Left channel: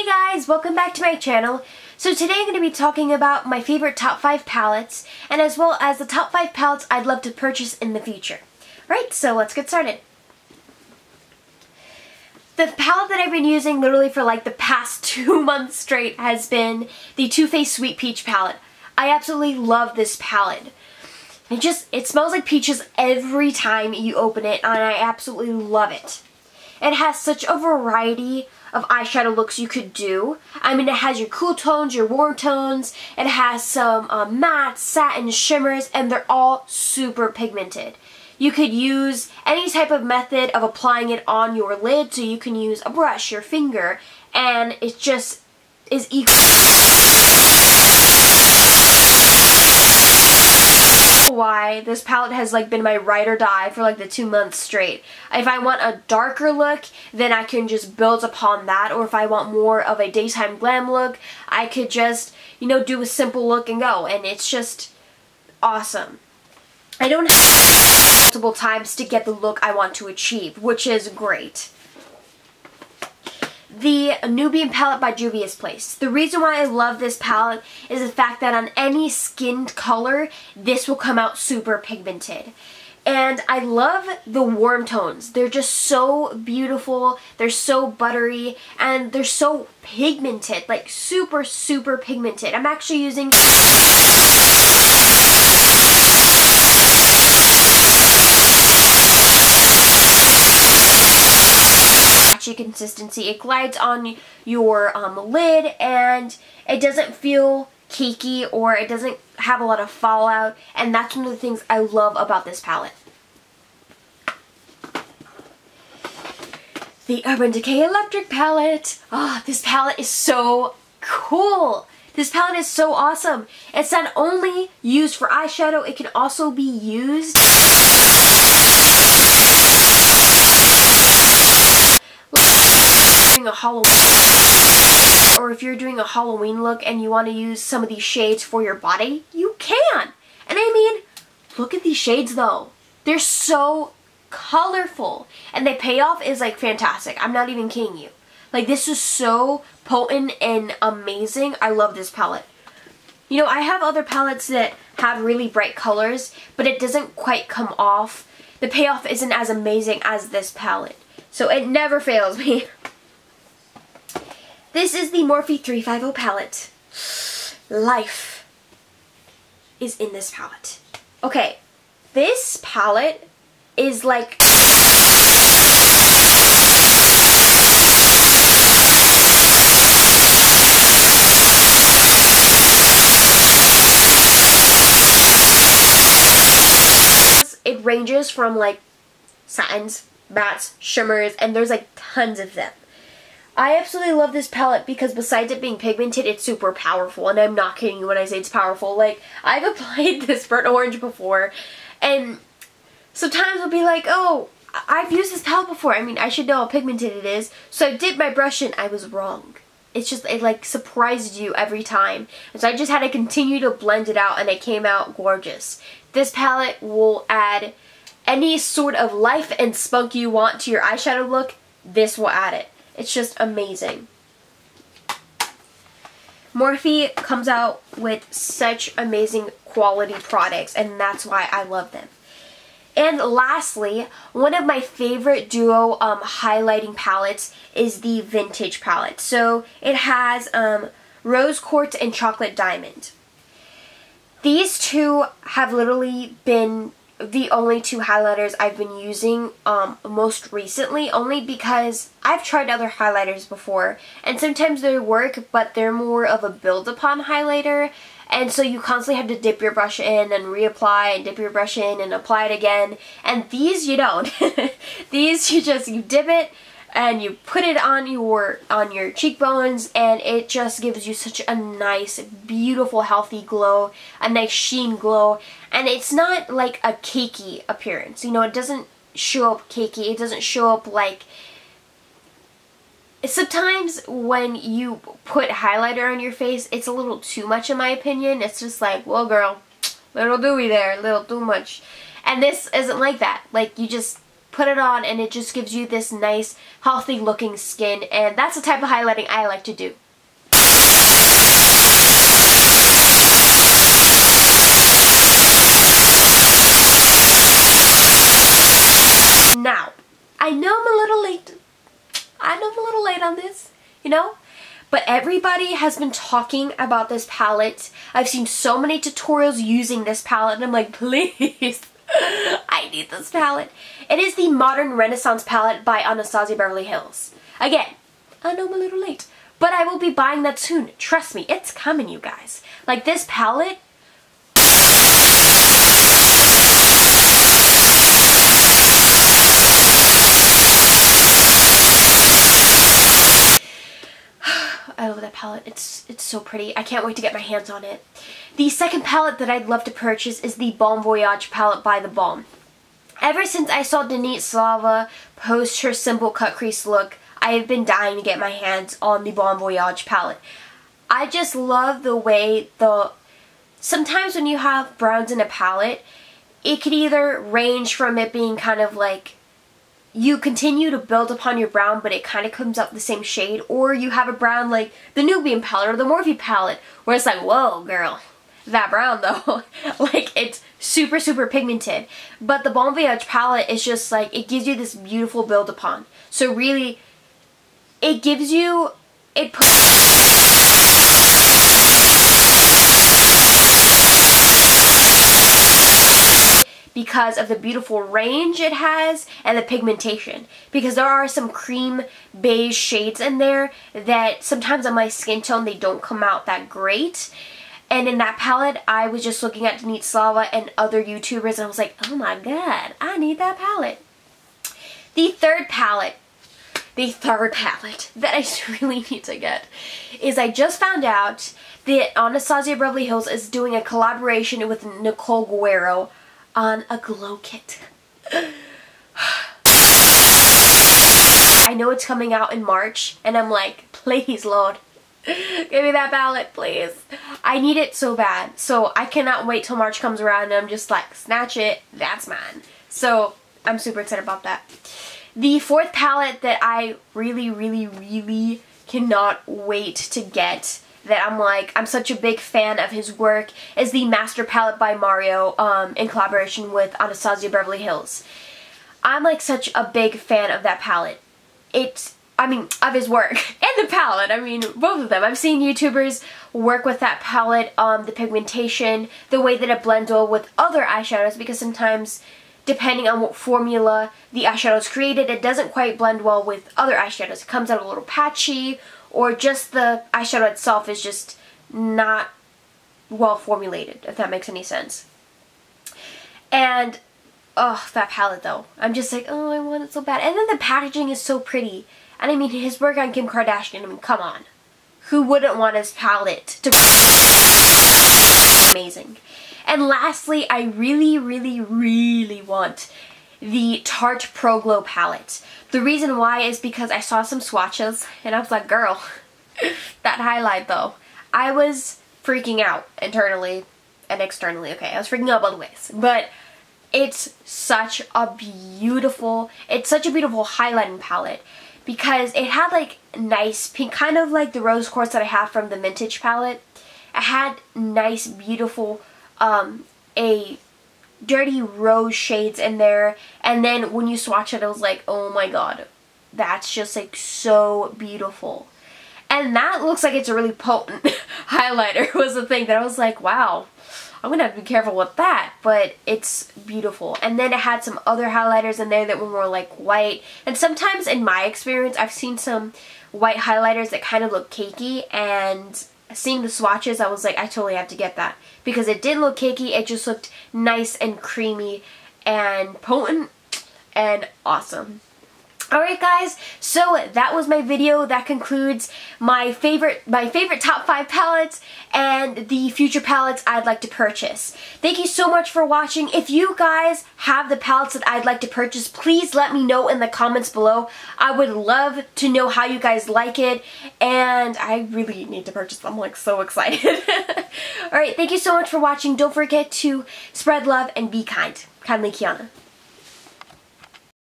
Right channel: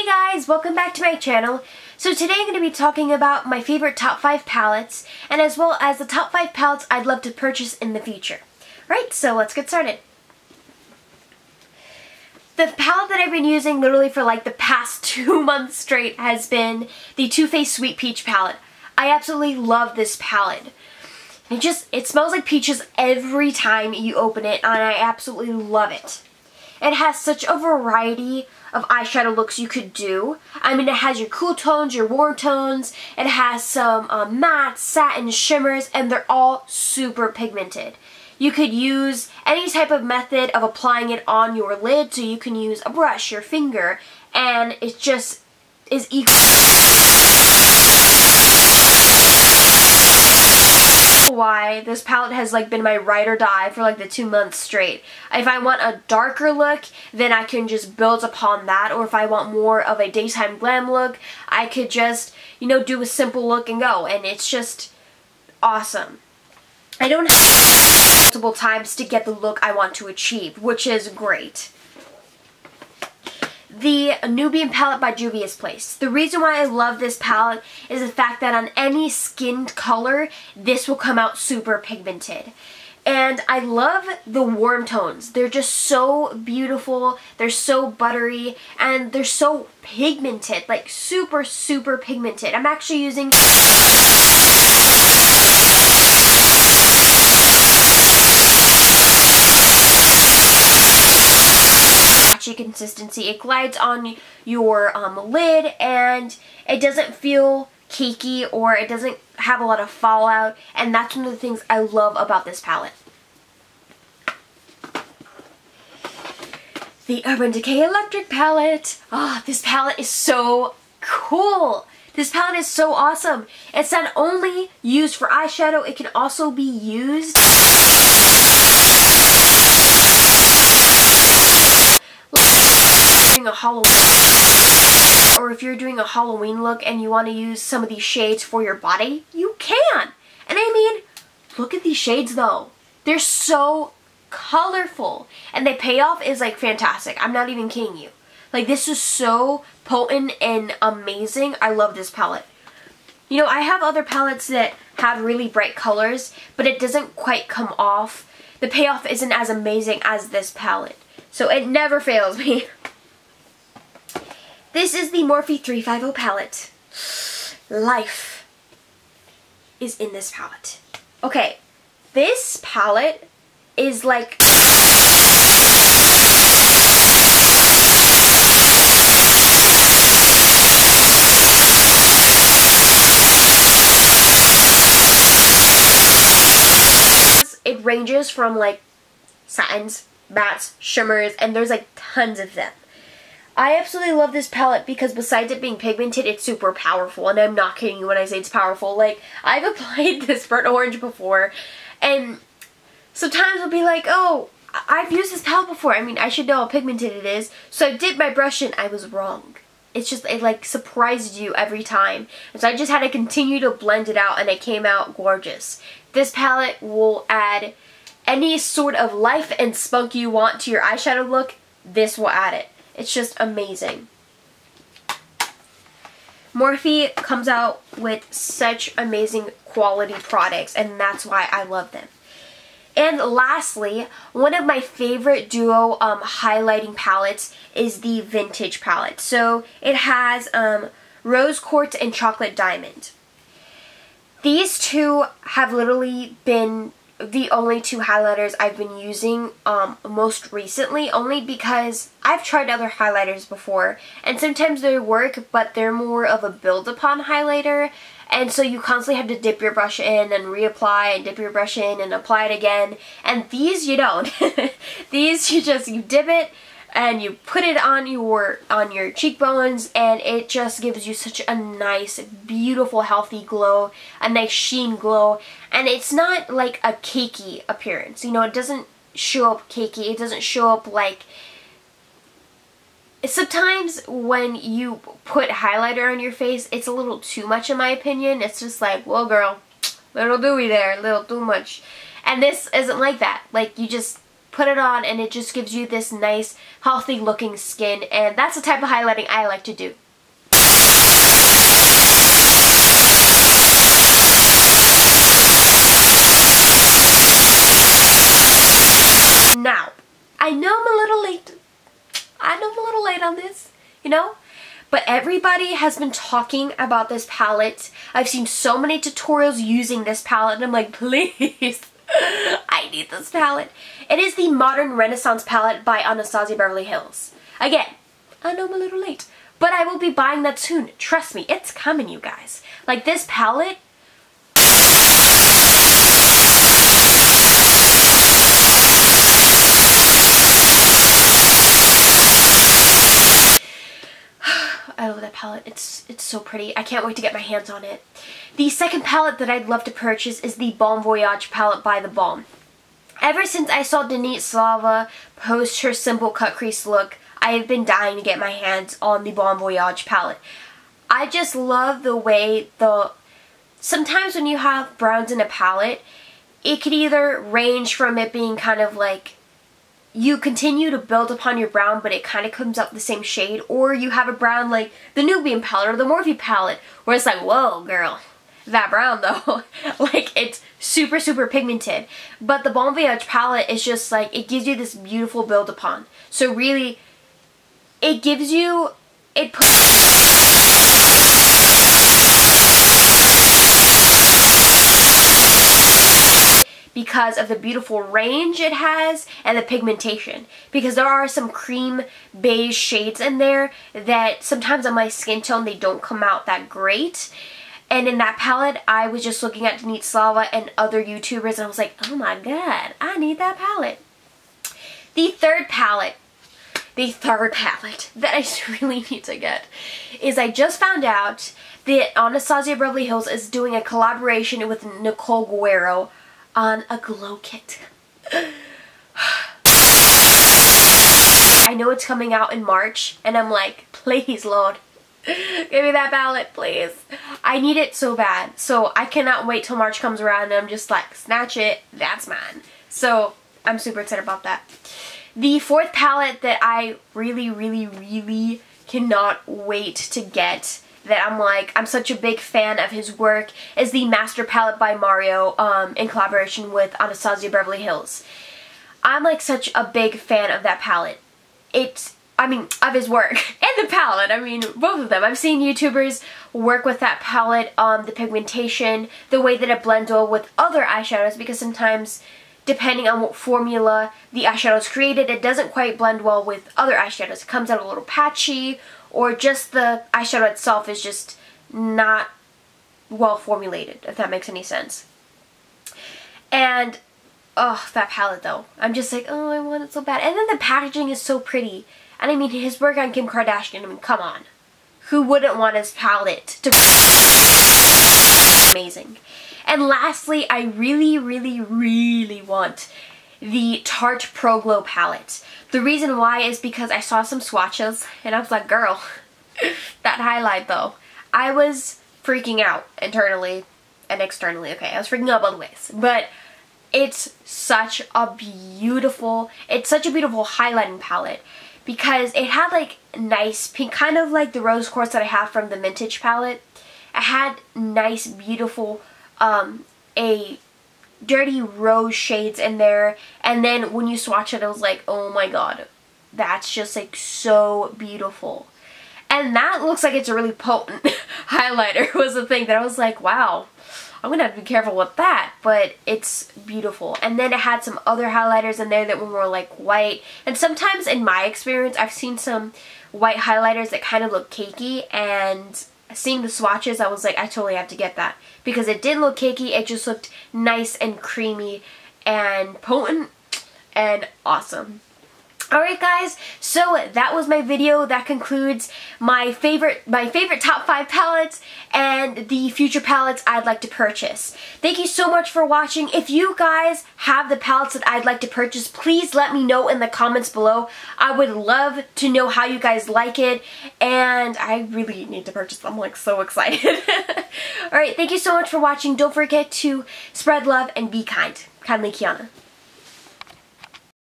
Hey guys, welcome back to my channel. So today I'm going to be talking about my favorite top 5 palettes, and as well as the top 5 palettes I'd love to purchase in the future. Alright, so let's get started. The palette that I've been using literally for like the past 2 months straight has been the Too Faced Sweet Peach palette. I absolutely love this palette. It smells like peaches every time you open it, and I absolutely love it. It has such a variety of eyeshadow looks you could do. I mean, it has your cool tones, your warm tones, it has some matte, satin, shimmers, and they're all super pigmented. You could use any type of method of applying it on your lid, so you can use a brush, your finger, and it just is equal. Why this palette has like been my ride or die for like the 2 months straight. If I want a darker look, then I can just build upon that, or if I want more of a daytime glam look, I could just, you know, do a simple look and go, and it's just awesome. I don't have multiple times to get the look I want to achieve, which is great. The Nubian palette by Juvia's Place. The reason why I love this palette is the fact that on any skinned color, this will come out super pigmented. And I love the warm tones. They're just so beautiful, they're so buttery, and they're so pigmented, like super, super pigmented. I'm actually using consistency. It glides on your lid, and it doesn't feel cakey, or it doesn't have a lot of fallout, and that's one of the things I love about this palette. The Urban Decay Electric palette. This palette is so cool. This palette is so awesome. It's not only used for eyeshadow, it can also be used a Halloween, or if you're doing a Halloween look and you want to use some of these shades for your body, you can. And I mean, look at these shades though. They're so colorful, and the payoff is like fantastic. I'm not even kidding you. Like, this is so potent and amazing. I love this palette. You know, I have other palettes that have really bright colors, but it doesn't quite come off. The payoff isn't as amazing as this palette, so it never fails me. This is the Morphe 350 palette. Life is in this palette. Okay, this palette is like it ranges from like satins, mattes, shimmers, and there's like tons of them. I absolutely love this palette because besides it being pigmented, it's super powerful, and I'm not kidding you when I say it's powerful. Like, I've applied this burnt orange before, and sometimes I'll be like, oh, I've used this palette before. I mean, I should know how pigmented it is. So I dipped my brush in, I was wrong. It's just, it like surprised you every time. And so I just had to continue to blend it out, and it came out gorgeous. This palette will add any sort of life and spunk you want to your eyeshadow look. This will add it. It's just amazing. Morphe comes out with such amazing quality products, and that's why I love them. And lastly, one of my favorite duo highlighting palettes is the Vintage palette. So it has Rose Quartz and Chocolate Diamond. These two have literally been the only two highlighters I've been using most recently, only because I've tried other highlighters before, and sometimes they work, but they're more of a build-upon highlighter, and so you constantly have to dip your brush in and reapply, and dip your brush in and apply it again, and these you don't. These you dip it, and you put it on your cheekbones, and it just gives you such a nice, beautiful, healthy glow, a nice sheen glow, and it's not like a cakey appearance. You know, it doesn't show up cakey. It doesn't show up like... Sometimes when you put highlighter on your face, it's a little too much in my opinion. It's just like, well girl, little dewy there, a little too much. And this isn't like that. Like, you just put put it on and it just gives you this nice, healthy looking skin, and that's the type of highlighting I like to do. Now, I know I'm a little late. I know I'm a little late on this, you know? But everybody has been talking about this palette. I've seen so many tutorials using this palette, and I'm like, please, I need this palette. It is the Modern Renaissance palette by Anastasia Beverly Hills. Again, I know I'm a little late, but I will be buying that soon. Trust me, it's coming, you guys. Like, this palette, I love that palette. It's so pretty. I can't wait to get my hands on it. The second palette that I'd love to purchase is the Bon Voyage palette by The Balm. Ever since I saw Denise Slava post her simple cut crease look, I have been dying to get my hands on the Bon Voyage palette. I just love the way sometimes when you have browns in a palette, it could either range from it being kind of like you continue to build upon your brown, but it kind of comes out the same shade, or you have a brown like the Nubian palette or the Morphe palette, where it's like, whoa, girl, that brown though, like it's super, super pigmented. But the Bon Voyage palette is just like, it gives you this beautiful build upon. So really, it gives you, it puts because of the beautiful range it has and the pigmentation. Because there are some cream beige shades in there that sometimes on my skin tone they don't come out that great. And in that palette, I was just looking at Denise Slava and other YouTubers and I was like, oh my god, I need that palette. The third palette that I really need to get is I just found out that Anastasia Beverly Hills is doing a collaboration with Nicole Guerrero on a glow kit. I know it's coming out in March and I'm like, please Lord, give me that palette, please. I need it so bad. So I cannot wait till March comes around and I'm just like, snatch it, that's mine. So I'm super excited about that. The fourth palette that I really, really, really cannot wait to get, that I'm like, I'm such a big fan of his work, is the Master Palette by Mario in collaboration with Anastasia Beverly Hills. I'm like such a big fan of that palette. Of his work and the palette. I mean, both of them. I've seen YouTubers work with that palette, the pigmentation, the way that it blends well with other eyeshadows, because sometimes depending on what formula the eyeshadow is created, it doesn't quite blend well with other eyeshadows. It comes out a little patchy, or just the eyeshadow itself is just not well formulated, if that makes any sense. And, oh, that palette though. I'm just like, oh, I want it so bad. And then the packaging is so pretty. And I mean, his work on Kim Kardashian, I mean, come on. Who wouldn't want his palette to be amazing? And lastly, I really, really, really want the Tarte Pro Glow palette. The reason why is because I saw some swatches and I was like, girl, that highlight though. I was freaking out internally and externally. Okay, I was freaking out both ways. But it's such a beautiful highlighting palette, because it had like nice pink, kind of like the rose quartz that I have from the Vintage palette. It had nice, beautiful, a dirty rose shades in there, and then when you swatch it, I was like, oh my god, that's just like so beautiful. And that looks like it's a really potent highlighter was the thing that I was like, wow, I'm gonna have to be careful with that, but it's beautiful. And then it had some other highlighters in there that were more like white, and sometimes in my experience I've seen some white highlighters that kind of look cakey, and seeing the swatches, I was like, I totally have to get that, because it didn't look cakey, it just looked nice and creamy and potent and awesome. Alright guys, so that was my video. That concludes my favorite top 5 palettes and the future palettes I'd like to purchase. Thank you so much for watching. If you guys have the palettes that I'd like to purchase, please let me know in the comments below. I would love to know how you guys like it, and I really need to purchase them. I'm like so excited. Alright, thank you so much for watching. Don't forget to spread love and be kind. Kindly, Kiana.